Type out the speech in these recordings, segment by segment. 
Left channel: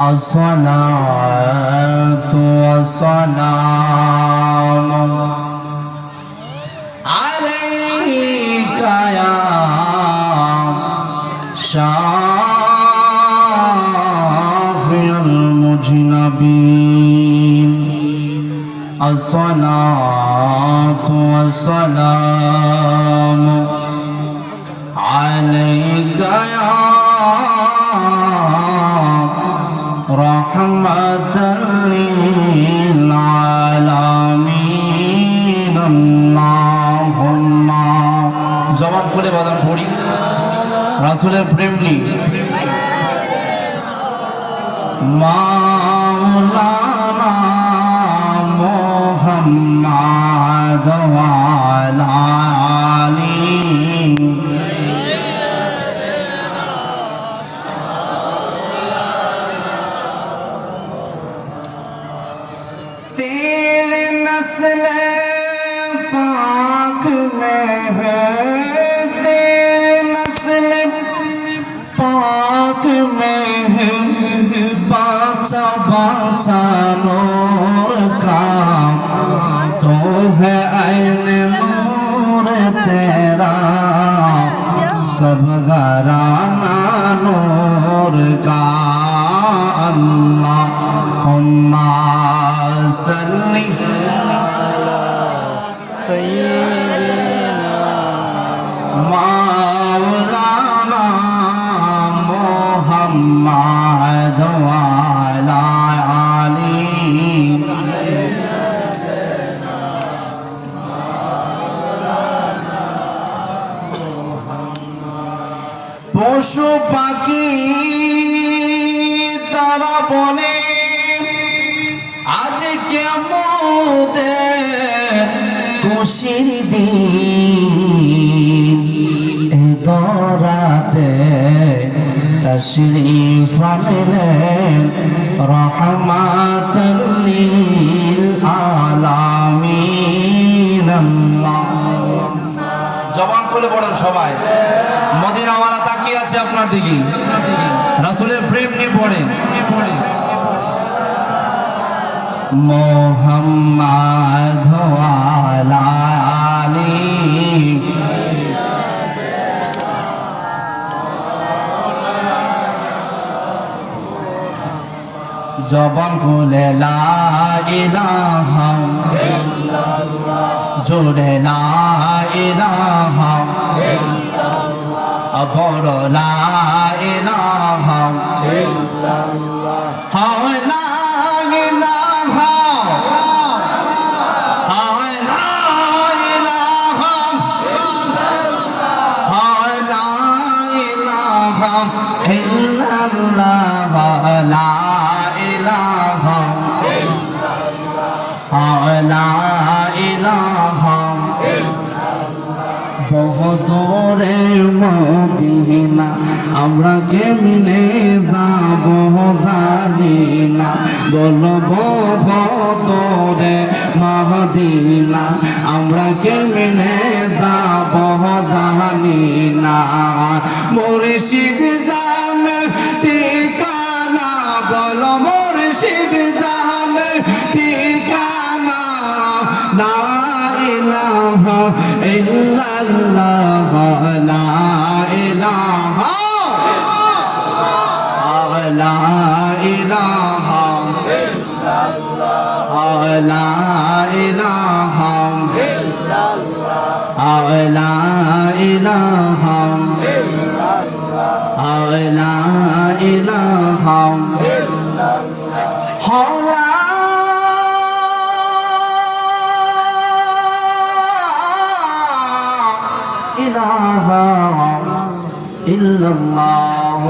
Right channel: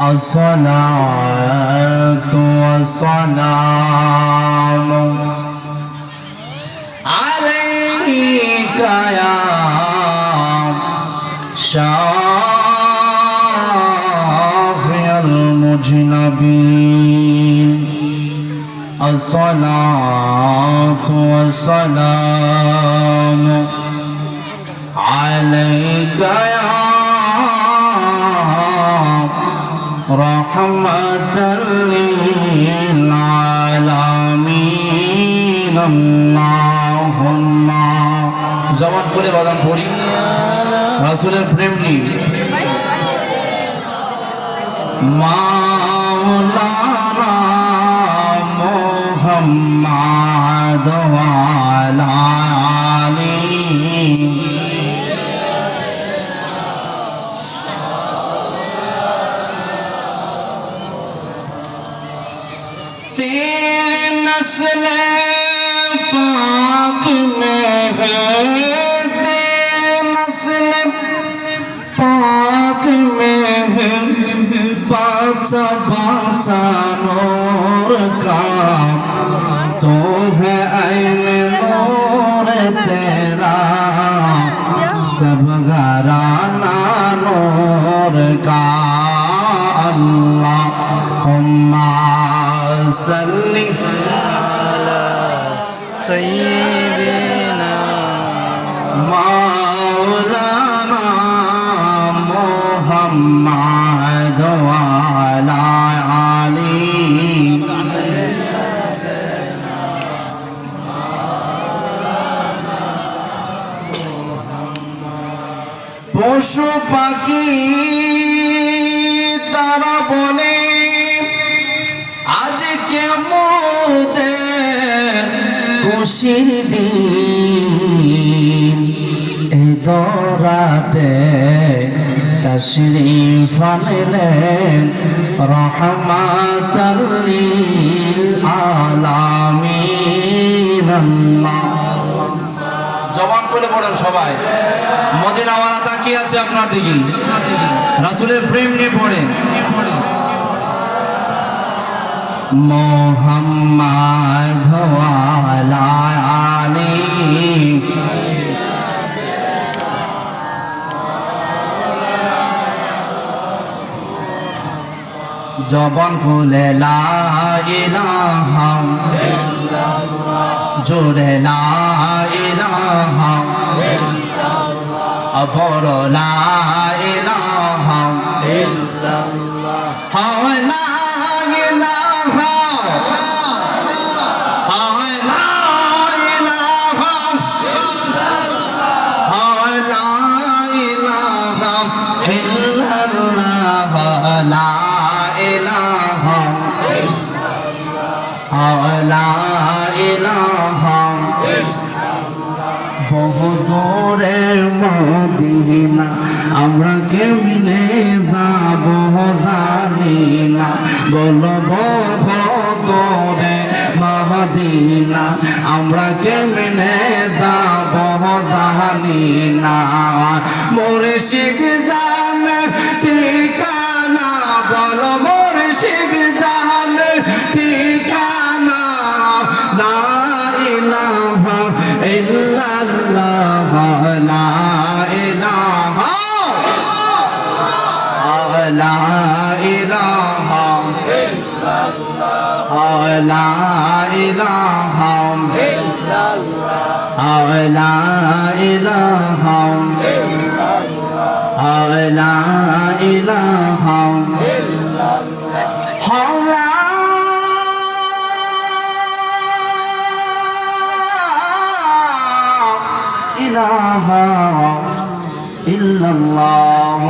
الصلاة والسلام عليك يا شافع المذنبين الصلاة والسلام عليك يا رحمة للعالمين اللهم জবান করে বলেন পড়ি রাসূলের প্রেম নিয়ে মাওলানা মুহাম্মদ ওয়া আলা আলিহি तेरे नस्ल पाक में है तेरे नस्ल पाक में है बाचा बाचा नूर का तो है ऐन नूर तेरा सब घराना नूर का अल्लाहुम्मा सल्ली अला सय्यिदिना मौलाना मुहम्मद व अला आलिहि सय्यिदिना मौलाना मुहम्मद पशु पाखी तारा बने आज খুশির দিন এই দরাতে তশরীফ আনলেন রহমাতাল লিল আলামিন জবান করে পড়েন সবাই মদিনাওয়ালা তাকিয়ে আছে আপনার দিকে রাসূলের প্রেম নিয়ে পড়েন মোহাম্মদ ওয়া আলা আলিহি জবান খুলে লা ইলাহা ইল্লাল্লাহ জোরে লা ইলাহা ইল্লাল্লাহ অপর লা ইলাহা ইল্লাল্লাহ হায় লা ইলাহা বহুদূরে মদিনা আমরা কেমনে যাব জানি না বলবো বহুদূরে মদিনা আমরা কেমনে যাব জানি না মুর্শিদ জানে ঠিকানা বল মুর্শিদ জানে ঠিকানা লা ইলাহা ইল্লাল্লাহ লা ইলাহা লা ইলাহা ইল্লাল্লাহ লা ইলাহা ইল্লাল্লাহ লা ইলাহা ইল্লাল্লাহ লা ইলাহা ইল্লাল্লাহ ইলাহা ইল্লাল্লাহ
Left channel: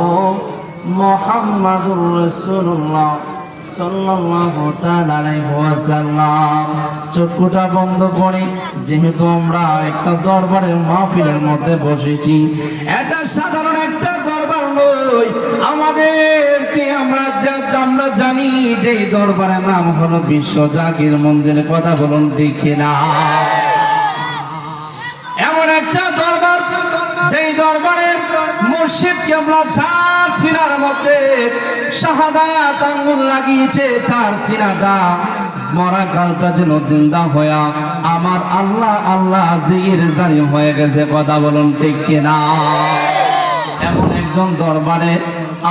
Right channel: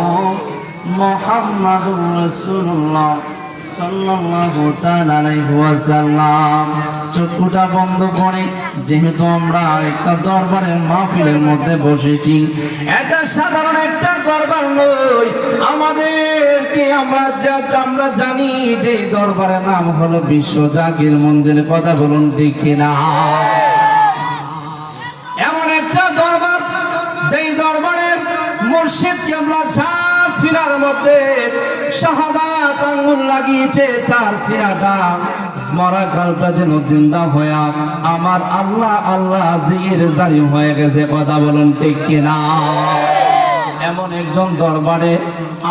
মুহাম্মাদুর রাসূলুল্লাহ সাল্লাল্লাহু তাআলা আলাইহি ওয়াসাল্লাম চক্ষুটা বন্ধ করে যেহেতু আমরা একটা দরবারের মাহফিলের মধ্যে বসেছি এটা সাধারণ একটা দরবার নয় আমাদেরকে আমরা জানি যে দরবারের নাম হলো বিশ্ব জাকির মন্দিরের কথা বলুন ঠিক না এমন একটা দরবার যেই দরবারে মুর্শিদ কেবলা সিনার মধ্যে শাহাদাত আঙ্গুল লাগিয়েছে, তার সিনাটা মরা কালটা যেন জিন্দা হইয়া আমার আল্লাহ আল্লাহ জিকির জারি হয়ে গেছে। কথা বলুন ঠিক কিনা? এমন একজন দরবারে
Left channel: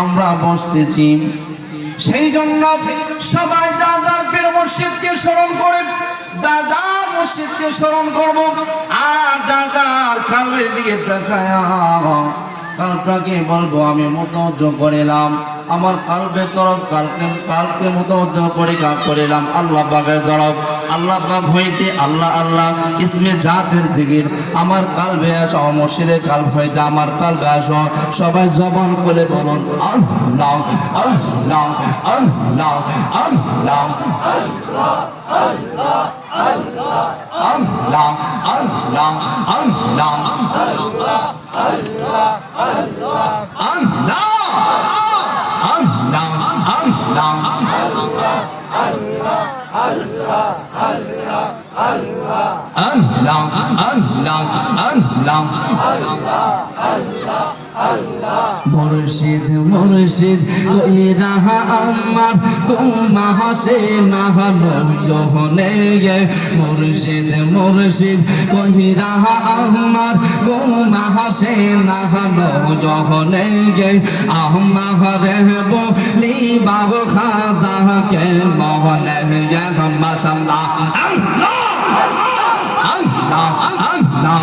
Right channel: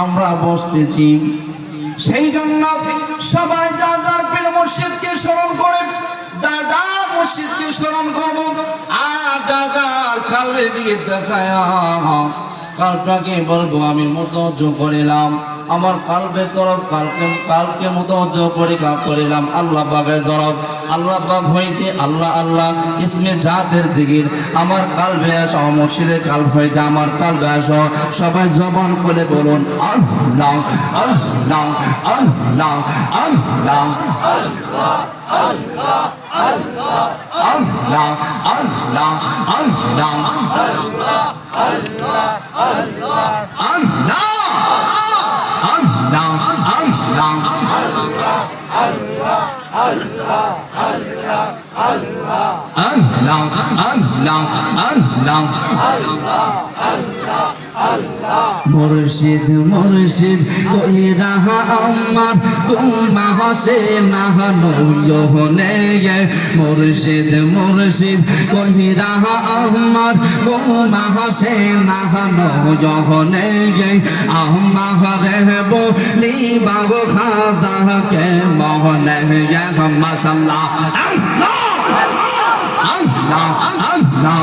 আমরা বসতেছি, সেই জন্য সবাই যার যার পীর মুর্শিদকে স্মরণ করে, যার যার মুর্শিদকে স্মরণ করবো, আর যার যার কালবের দিকে তাকায়া কালটাকে বলবো আমি মুতাওয়াজ্জু করিলাম, আমার কালবের তরফ কালকে মুতাওয়াজ্জু করিলাম আল্লাহ পাকের তরফ। আল্লাহ পাক হইতে আল্লাহ আল্লাহ ইসমে জাতের জিকির আমার কালবে আসো, মুর্শিদের কালব হইতে আমার কালবে আসো। সবাই জবান খুলে বলুন আল্লাহ আল্লাহ আল্লাহ আল্লাহ আল্লাহ আল্লাহ আল্লাহ আল্লাহ আল্লাহ মুর্শিদ মুর্শিদ কই রাহা আমার তোমা হাসে না নয়নে গে। মুর্শিদ মুর্শিদ কই রাহা আমার তোমা হাসে না নয়নে গে। আমারে বলি বাবু খাজা কে মোহনে গে। মাশাআল্লাহ আল্লাহ আল্লাহ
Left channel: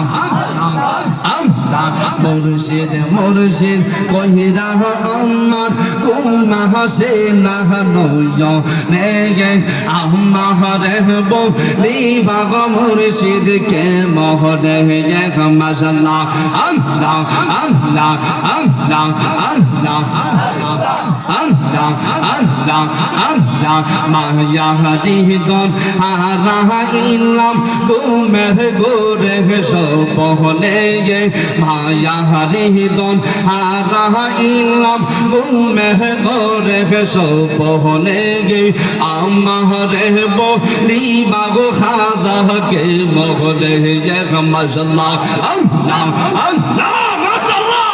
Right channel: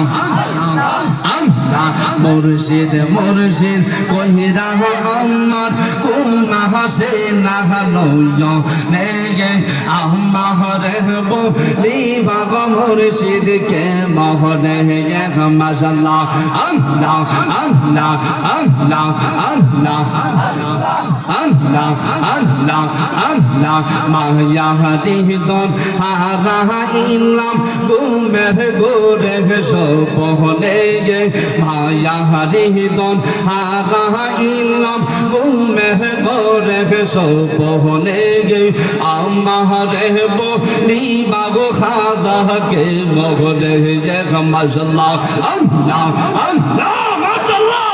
আল্লাহ। মুর্শিদ মুর্শিদ কই রাহা আমার তোমা হাসে না নয়নে গে। আমারে বলি বাবা মুর্শিদ কে মোহনে গে। মাশাআল্লাহ আল্লাহ আল্লাহ আল্লাহ আল্লাহ আল্লাহ আল্লাহ আল্লাহ। মায়া হৃদয় হারা ইলাম গুমের গোরে সপনে গে। মায়া হৃদয় হারা ইলাম গুমের গোরে সপনে গে। আমারে বলি বাবু খাজা কে মোহনে গে। মাশাআল্লাহ আল্লাহ আল্লাহ মাশাআল্লাহ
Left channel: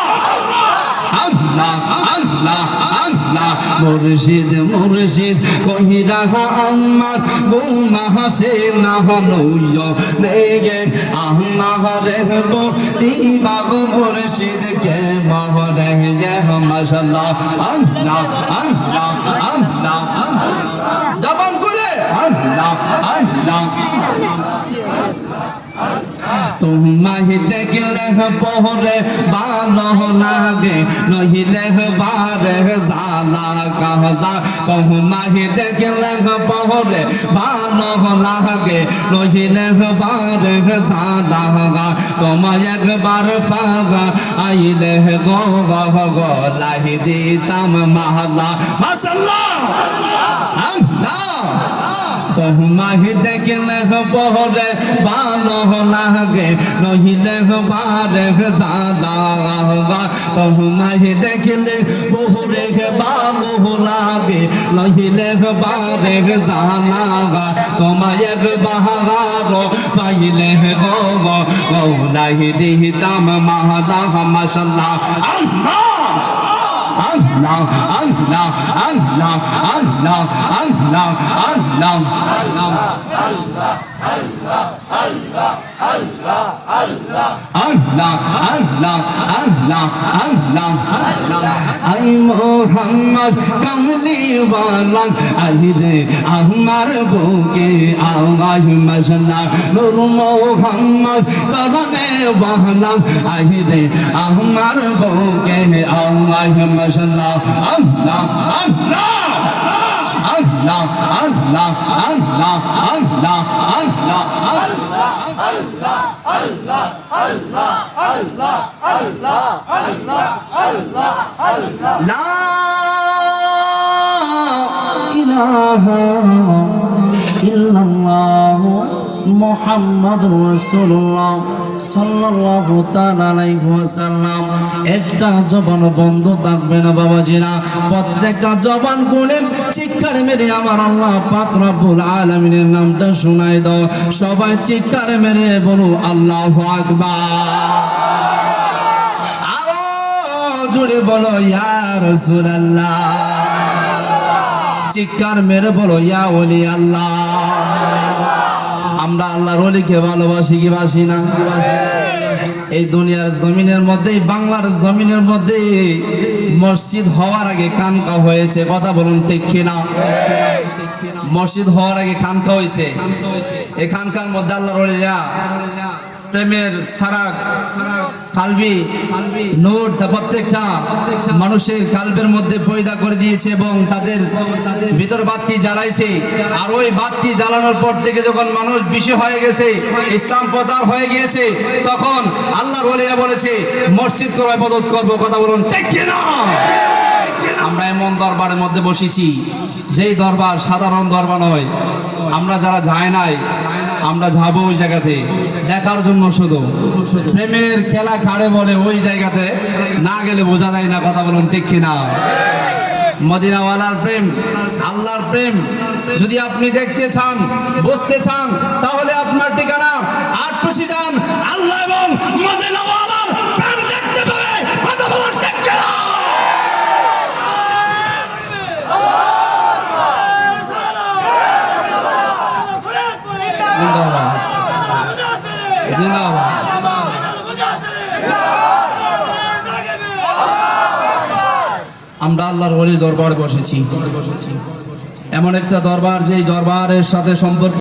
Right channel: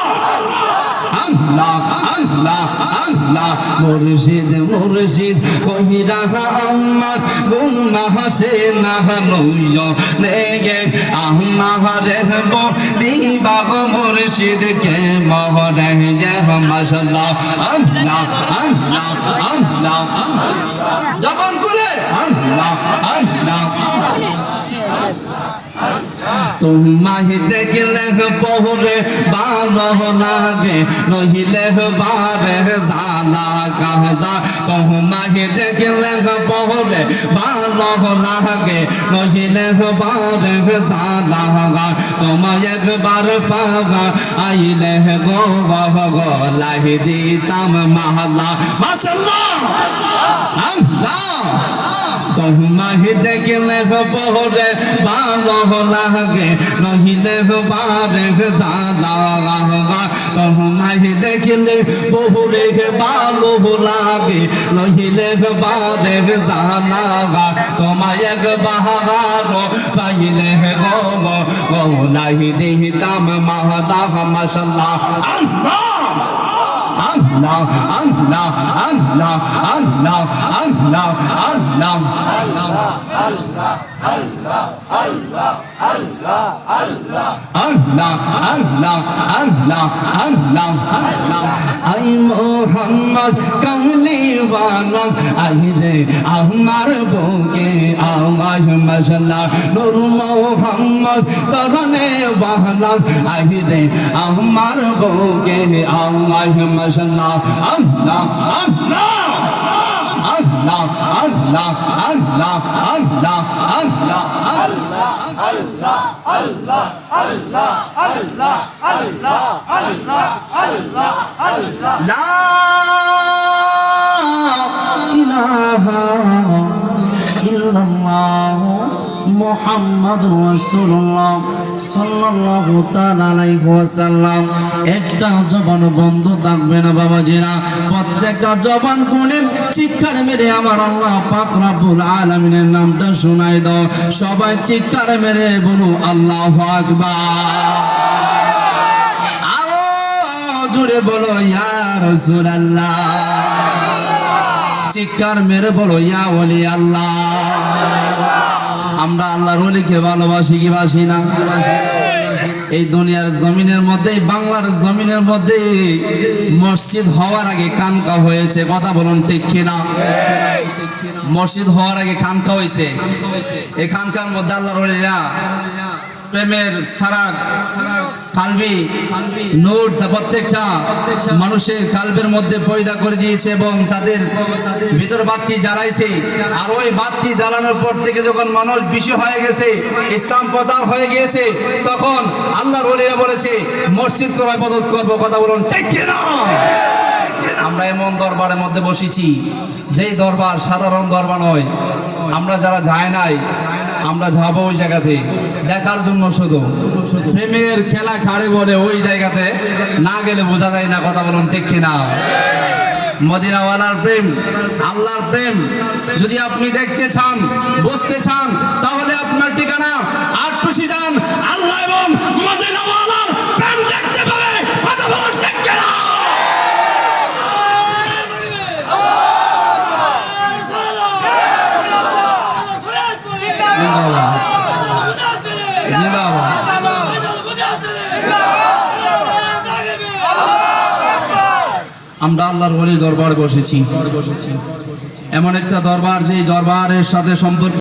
আল্লাহ আল্লাহ আল্লাহ। মুর্শিদ মুর্শিদ কই রাহা আমার গুনাহ হাসে না নয়নে গে। আমারে বলি বাবু মুর্শিদ কে মোহনে গে। মাশাআল্লাহ আল্লাহ আল্লাহ আল্লাহ জবান খুলে আল্লাহ আল্লাহ। তোমায় দেখলে পহরে ভালো লাগে, নহিলে বারে জালা কাজা। তোমায় দেখলে পহরে ভালো লাগে, নহিলে বারে জালা। তোমায় একবার ফাগা আইলে গলাহ দিতাম মালা। মাশাআল্লাহ আল্লাহ। তোমায় দেখলে পহরে ভালো লাগে, নহিলে বারে জালা। তোমায় দেখলে পহরে ভালো লাগে, নহিলে বারে জালা। তোমায় একবার পাইলে গলাহ দিতাম মালা। মাশাআল্লাহ আল্লাহ আল্লাহ আল্লাহ আল্লাহ আল্লাহ আল্লাহ আল্লাহ আল্লাহ আল্লাহ আল্লাহ। আই মোহাম্মদ কামলিওয়ালা আই রে আমার বুকে আওয়াজ। মাশাআল্লাহ নূর মোহাম্মদ করনে ওয়ালা আই রে আমার বুকে আওয়াজ। মাশাআল্লাহ আল্লাহ আল্লাহ আল্লাহ আল্লাহ আল্লাহ আল্লাহ আল্লাহ আল্লাহ আল্লাহ আল্লাহ আল্লাহ আল্লাহ আল্লাহ আল্লাহ আল্লাহ। লা ইলাহা ইল্লাল্লাহ মুহাম্মাদুর রাসূলুল্লাহ সাল্লাল্লাহু তাআলা আলাইহি ওয়াসাল্লাম। একটা জবান বন্ধ থাকবে না বাবাজিরা, প্রত্যেকটা জবান খুলে চিৎকার মেরে আমার আল্লাহ পাক রব্বুল আলামিনের নামটা শোনায় দাও। সবাই চিৎকার মেরে বলো আল্লাহু আকবার। আরো জোরে বলো ইয়া রাসূলুল্লাহ। চিৎকার মেরে বলো ইয়া ওলি আল্লাহ। আমরা আল্লাহর ওলিকে ভালোবাসি কি বাসি না? এই দুনিয়ার জমিনের মধ্যে, বাংলার জমিনের মধ্যে মসজিদ হওয়ার আগে খানকা হয়েছে, কথা বলুন ঠিক কিনা? মসজিদ হওয়ার আগে খানকা হয়েছে। এই খানকার মধ্যে আল্লাহর ওলিরা প্রেমের সারাগ কালবি নূর প্রত্যেকটা মানুষের কালবের মধ্যে পয়দা করে দিয়েছে এবং তাদের ভিতর বাতি জ্বালাইছে। আর ওই বাতি জ্বালানোর পর থেকে যখন মানুষ বেশি হয়ে গেছে, ইসলাম প্রচার হয়ে গিয়েছে, তখন আল্লাহর ওলিরা বলেছে মসজিদ করে ইবাদত করবো, কথা বলুন ঠিক কিনা? আমরা এমন দরবারের মধ্যে বসেছি যেই দরবার সাধারণ দরবার নয়। আমরা যারা যায় নাই, আমরা যাবো ওই জায়গাতে দেখার জন্য, শুধু প্রেমের খেলা খাড়ে বলে ওই জায়গাতে না গেলে বোঝা যায় না, কথা বলুন ঠিক কিনা? মদিনাওয়ালার প্রেম, আল্লাহর প্রেম যদি আপনি দেখতে চান, বুঝতে চান, তাহলে আপনার ঠিকানা আটপুষি যান, আল্লাহ এবং মদিনাওয়ালার প্রেম দেখতে পাবে, কথা বলুন ঠিক কিনা? আমরা আল্লাহর ওলির দরবার বসেছি, এমন একটা দরবার যেই দরবারের সাথে সম্পর্ক